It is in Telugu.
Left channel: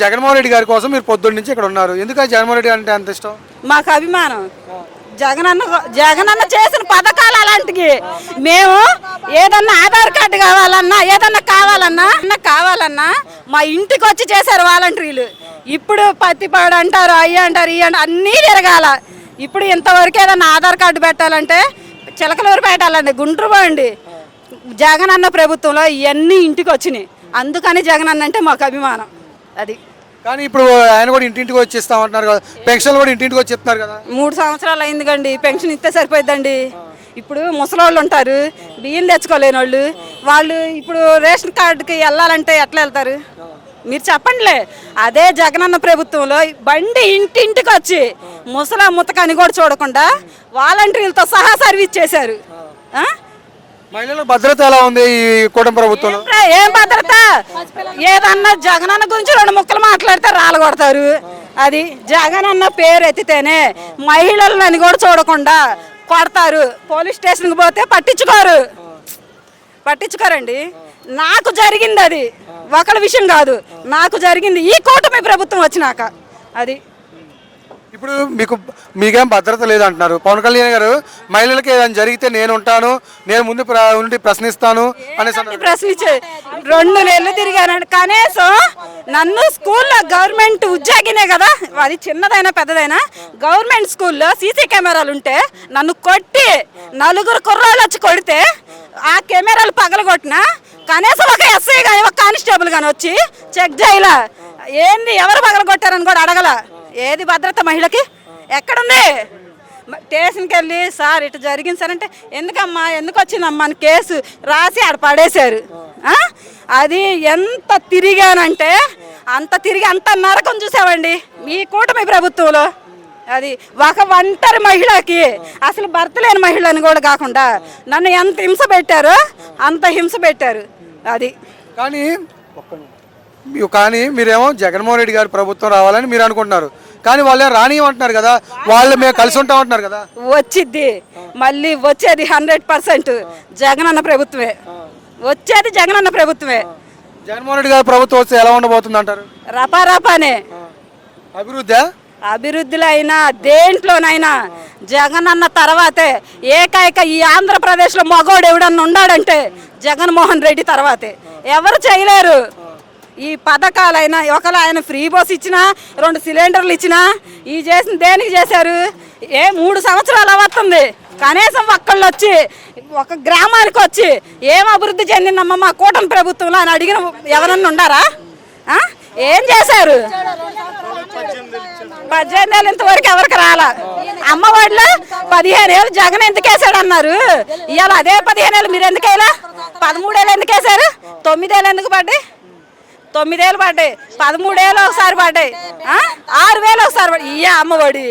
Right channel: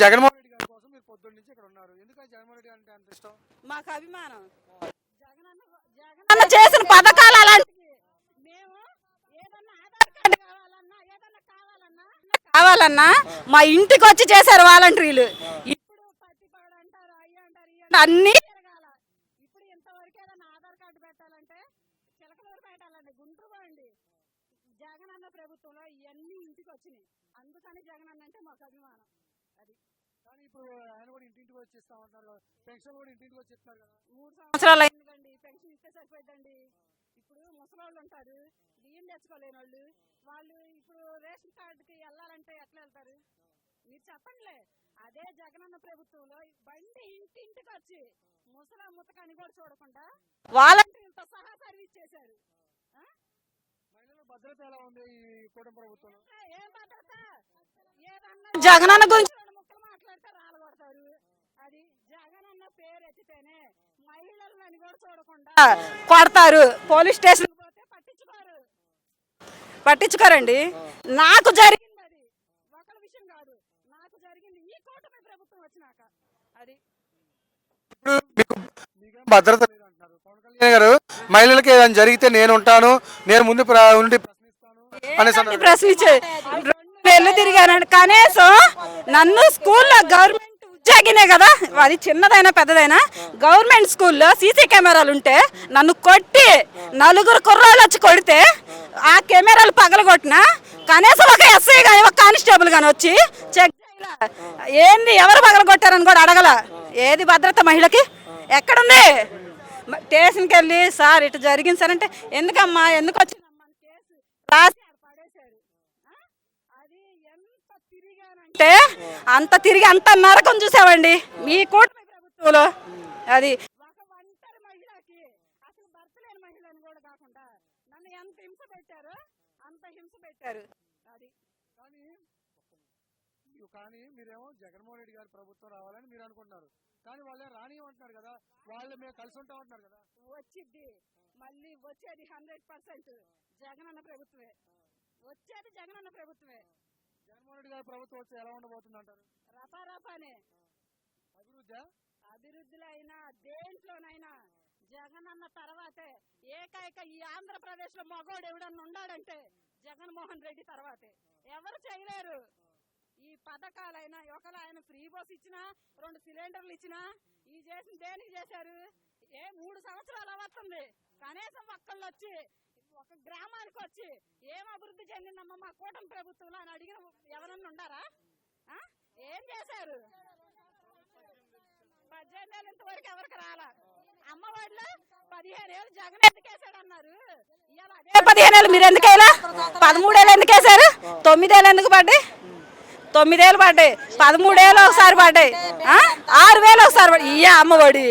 జగన్మోహన్ రెడ్డి గారి కోసం మీరు పొద్దున్న నుంచి ఇక్కడ ఉన్నారు. ఎందుకు జగన్మోహన్ రెడ్డి అంటే అంత ఇష్టం? మాకు అభిమానం. జగనన్న చేసిన పథకాలు అలాంటివి. మేము ఏదన్నా ఆధార్ కార్డు కావాలన్నా మా ఇంటికి వచ్చి చేశారు వాలంటీర్లు. ఇప్పుడు పత్తిపాడు అంటారు, అయ్యి అంటారు, ఇవి అంటారు, అన్నీ తిరగాల. ఇప్పుడు ఇంతవరకు ఏదన్నా ఆధార్ కార్డు పెట్టాలంటే చిలకలూరు పెట్టాలండి, గుంటూరు పోండి. జగనన్న ప్రభుత్వంలో ఇవన్నీ ఇంటికి వచ్చినాయి. అందుకని జగనన్న అంటే మాకు అభిమానం. అది కానీ ఇప్పుడు ఆయన కూడా ఇంటింటికి వచ్చి ఇస్తామంటున్నారు కదా, పెన్షన్ కూడా ఇంటింటికి వచ్చి ఇస్తున్నారు కదా. 3 సంవత్సరాలు అయింది కండి, పెన్షన్ ఇస్తే సరిపోద్దండి. ఇప్పుడు ముసలోళ్ళు ఉంటారు, బియ్యం తెచ్చుకోలేని వాళ్ళు ఇప్పుడు రేషన్ కార్డుకి వెళ్ళాలంటే ఎట్లా వెళ్తారు మీరు చెప్పండిలే. అదే జగనన్న ప్రభుత్వంలో బండి ఇంటింటికి వచ్చి ముతకని కూడా చూడకుండా వాలంటీర్లతో సహా సర్వీస్ చేశారు. మహిళల భద్రత ఎలా ఉంది ఈ కూటమి ప్రభుత్వంలో? ఏం భద్రత? ఏదన్నా జగనన్న గురించి 2 ముక్కలు మాట్లాడితే రాలగొడతారు. అది జగనన్న పేరు ఎత్తితేనే మహిళలని కూడా చూడకుండా కొడతారు. పోలీస్ స్టేషన్కి పోతే పట్టించుకోరండి. నాకు జరిగింది అది, ఒకళ్ళ విషయం కాదు, నాకు జరిగింది ఈ కూటమి ప్రభుత్వం వచ్చినాక. అది ఇప్పుడు మీకేం భద్రత లేదంటున్నారు పవన్ కళ్యాణ్ గారు. మహిళలకి ఏదైనా జరిగితే నేను ఉంటాను, నేను ముందు ఉండి ప్రశ్నిస్తాను అనేసి ప్రశ్నించే 2 నెలలు తిరిగానండి. కనీసం నన్ను స్కూల్లో గవర్నమెంట్ ఉద్యోగినే కదా, అది చిన్నదైనా పెద్దదైనా, గవర్నమెంట్ స్కూల్లో సీసీ కెమెరాలు ఉంటే నన్ను కొట్టి 4 కుర్రాళ్ళు వచ్చి కొడితే ఆ కెమెరాలు పగలగొట్టినా కనీసం ఒక ఎస్ఐ కానీ ఒక కానిస్టేబుల్ కానీ వచ్చి చెక్ చేయాల. ఏంది ఎవరు పగలగొట్టారని కూడా అడగల. ఏది భద్రత మహిళకి? ఎక్కడుంది? స్టేషన్కి వెళ్ళి సార్ ఇటు జరిగింది సార్ అంటే ఎందుకమ్మా, ఎందుకు వచ్చిందమ్మా అని కేసు రాసి ఆడ పడేశారు. అది ఎంత తిరిగానంటే అంత నరకం చూసామండి మీ కూటమి ప్రభుత్వంలో. అది ఒక ఒంటరి మహిళకి, అసలు భర్త లేని మహిళని కూడా కాకుండా నన్ను ఎంత హింస పెట్టారో అంత హింస పెట్టారు. అది కానీ మీరేమో జగన్మోహన్ రెడ్డి గారి ప్రభుత్వం రావాలని మీరు అనుకుంటున్నారు, కానీ వాళ్ళే రానియమంటున్నారు కదా, వాళ్ళు మేము కలిసి ఉంటామంటున్నారు కదా. వచ్చిద్ది, మళ్ళీ వచ్చేది 100% జగనన్న ప్రభుత్వమే వచ్చేది. జగన్మోహన్ రెడ్డి గారి ప్రభుత్వం వస్తే ఎలా ఉండబోతుంది అంటారు? రపారపానే అభివృద్ధిలో అయినా దేంట్లోనైనా జగనన్న తర్వాతే. ఏకైక ఈ ఆంధ్రప్రదేశ్లో మగోడు ఎవడన్నా ఉన్నాడంటే జగన్మోహన్ రెడ్డి తర్వాతే. ఎవరు చేయలేరు. ఈ పథకాలైనా ఒకవేళ ఆయన ఫ్రీ బస్ ఇచ్చినా, 2 సిలిండర్లు ఇచ్చినా, ఈ చేసిన దేనికి చేశారు? 3 సంవత్సరాలు అవుతుంది. కనీసం ఒక్కళ్ళు వచ్చి ఒక గ్రామానికి వచ్చి ఏం అభివృద్ధి చెందిందమ్మా మా కూటమి ప్రభుత్వంలో అని అడిగిన ఎవరన్నా ఉండారా? ఏం చేశారు? 18 ఏళ్ళు ఇంతవరకు ఎవరికి రాలా. అమ్మఒడిలో 15 ఏళ్ళు జగన్ ఎందుకు వేసాడు అన్నారు. ఇవాళ అదే 15 ఏళ్ళు మీరు ఎందుకు వేయాలా? 13 ఏళ్ళు ఎందుకు వేశారు? 9 ఏళ్ళు ఎందుకు పడ్డాయి? 9 ఏళ్ళు పడ్డాయి, 13 ఏళ్ళు ఒకసారి పడ్డాయి, 6 వేలు ఒకసారి పడ్డాయి. అమ్మఒడి